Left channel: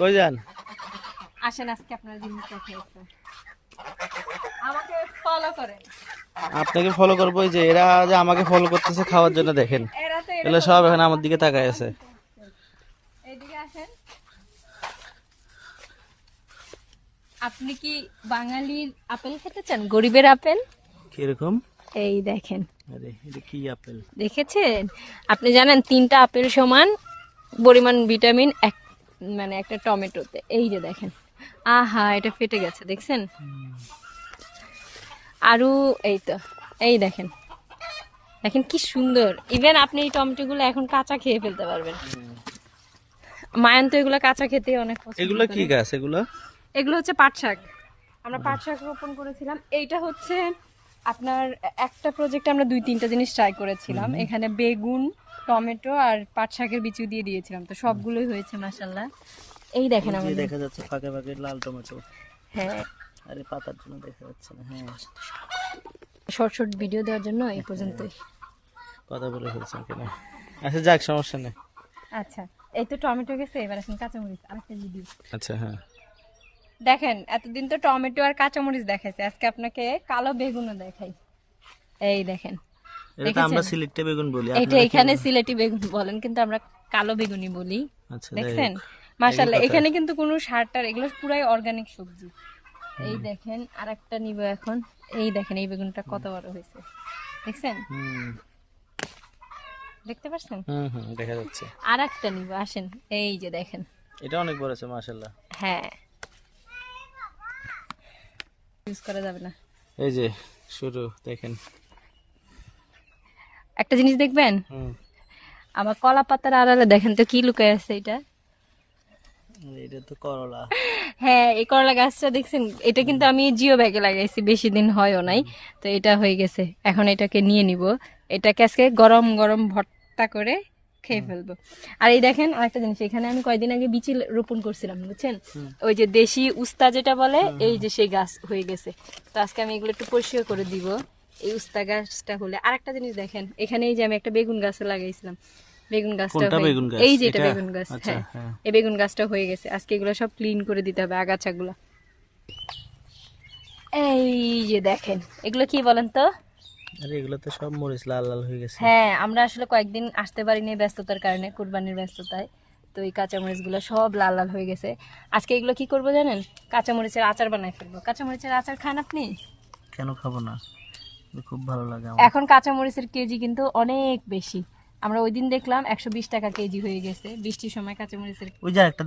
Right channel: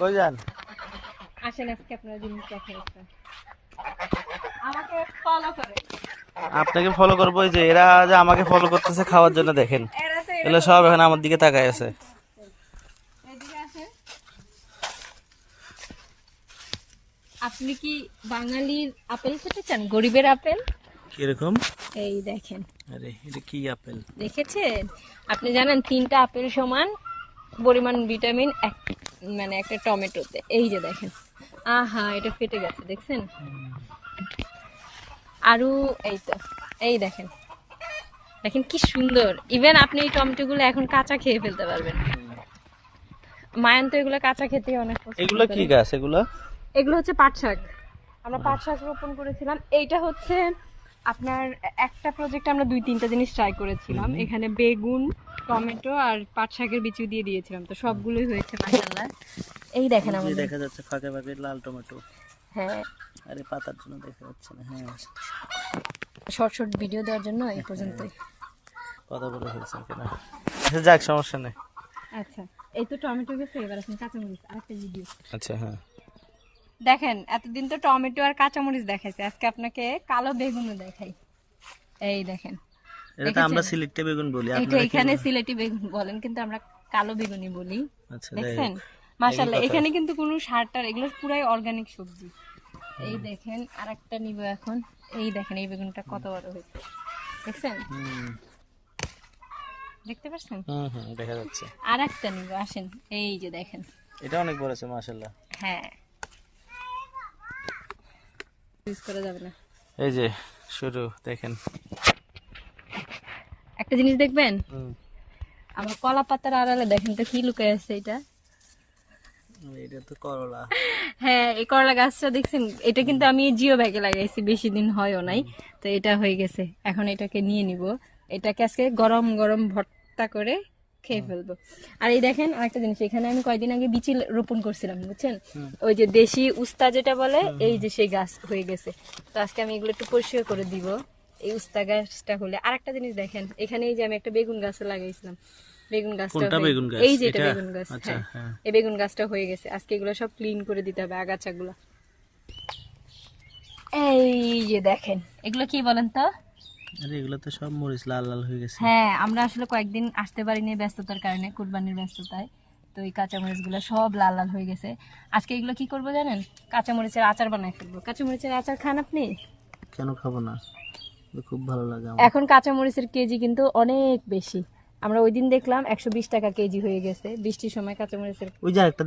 কই যান? আসেন আজকে আপনারা জিনিস দেখাই একটা। আমাকে ফলো করে। আপনাকে ফলো করবো, এই যে এরা যে আমাকে ফলো করতেছে খাওয়ার জন্য, দেখেন এরা তো এগুলো সব এখন আমার দিকে তাকায় আছে। এইদিকে আসেন। আপনি কি বাঙালির আপেল খেতে চান? গরিবের আপেল কিরকম? এই দেখেন। আরে এটা কি আপেল? দেখেছেন? আপনি জানেন 3টা আপেল সমান পরিমাণ ভিটামিন মানে একটা টমেটোতে। এই যে দেখেন, আহা এটা ফেটে গেছে, দেখছেন? আরও এই তো, এই দেখেন, দেখেন কি সুন্দর। ইভেন আপনি এই টমেটোগুলো এখন কাঁচা খেয়ে ফেলতে পারবেন। মায়ান তো এগুলো কাঁচা খেতে অনেক পছন্দ এগুলো কি করে। গাছ এগুলো? এগুলো হচ্ছে পাট শাক। আমরা পাট শাক রোপণ করেছিলাম। এইটা হচ্ছে আপনার একটা প্রজেক্টে আমরা 2-3টা জিনিস ট্রাই করেছিলাম। এখানে বেগুন, টমেটো আর পাট শাকের বিচু দিয়ে দিয়েছিলাম, তো সবগুলোই হয়েছে মাশাআল্লাহ। এই দেখেন এই যে আমাদের। দেখা যাচ্ছে ফাঁকে ফাঁকে লাল টমেটো। হ্যাঁ, আরে পাতার জন্য দেখা যাচ্ছে না। হ্যাঁ, শর্ট শর্ট ভিডিও দেওয়ার জন্য এই পর্যন্তই। কথা বলে ফেলছেন কেন? আচ্ছা যাক, সমস্যা নেই। আচ্ছা, এই তো টমেটো গেছে, এবার এখন কাঁচামরিচ আরেকটা ভিডিও আচ্ছা হ্যাঁ, দেখেন। এতদিন তো টমেটো আর কাঁচামরিচ দেখাইছে, আজকে আপনাকে কালো বেগুনও দেখাই। এই দেখেন, এটা তো আমরা সিলেটে বেগুন বলি, এটা আপনারা কি এখানে বলেন? সিলেটি বেগুন বলেন, কিন্তু আমরা কালো বেগুনই বলি। আচ্ছা, যাই দেখছেন হোক। মাশাআল্লাহ, এই কথা। এখানে কিন্তু কোনো সার টার, এগুলো পুরাই অর্গানিক সবজি। এই দেখেন আরেকটা নিব এখন। এই দেখেন এই বেগুনটা কত বড় হয়েছে, দেখছেন? হুম দেখতে পাচ্ছেন? হুম হুম, দেখা যাচ্ছে। আরেকটা নিব, আসেন। এই যে দেখেন, এটা অনেক বড় আছে মাশাআল্লাহ। হ্যাঁ, ইউজ করা যাবে না। এই যে শুরু দেখেন। একটা জিনিস দেখবেন, হুম, আমার কলা পাতার আড়ালে দেখেন তো কি লুকায় আছে এটা। এটা তো করলা। হ্যাঁ, এই করলা গাছটা দেখছেন, এটা কিন্তু আমি জিও ব্যাগে লাগাইছি, বেশি দিন হয়ও নাই। তো এটা হয়ে গেছে, এখন এটাকে নিয়ে নিব। এটাকে আজকে গরম গরম ভর্তা করে খেয়ে ফেলবো। আর এই দেখেন আরেকটা জিনিস, এখানে আমি কয়েকদিন আগে বিচি রোপণ করছিলাম, বুঝছেন? ওই যে দেশি উস্তা যেটা বলে, এই যে সেই গাছ হয়ে গেছে। তো আজকে আমি এগুলো একটু পরিষ্কার করে দিব, এই উস্তা গাছটা হলে। আরেকটা জিনিস দেখেন, এখানে এই যে আমি একটা বেগুন গাছও লাগাইছিলাম, বেগুন গাছটা কোনটা বেগুন গাছ? এই যে এটা এটা? বেগুন গাছ। আচ্ছা, হ্যাঁ, হ্যাঁ। এই বেগুন গাছটা হয়ে গেছে। আজকে এগুলো সব ক্লিন করে দিতে হবে, আগাছাগুলো। এই যে দেখেন, এগুলো কি বলেন তো? আরে এগুলো তো সব মরিচ লাল লাল হয়ে গেছে। হ্যাঁ, আমরা আসলে কয়েকদিন আসতে পারিনি ব্যস্ততার কারণে, কুরবানির ব্যস্ততায়। তো এই কাঁচামরিচগুলো সব লাল লাল হয়ে গেছে। আজকে এগুলো কি করবো জানেন? কাঁচামরিচের আচার বানাই ফেলবো। কাঁচামরিচের আচার খান আপনি? কেন খাবো না, এটা খুব ভালো লাগে আমার। এখন কাঁচামরিচের কেজি কিন্তু অনেক বেশি। আমরা ওই দিন দেখলাম 120 টাকা কেজি হয়ে গেছে, বৃষ্টির সময় কাঁচামরিচের। ওই যে একটা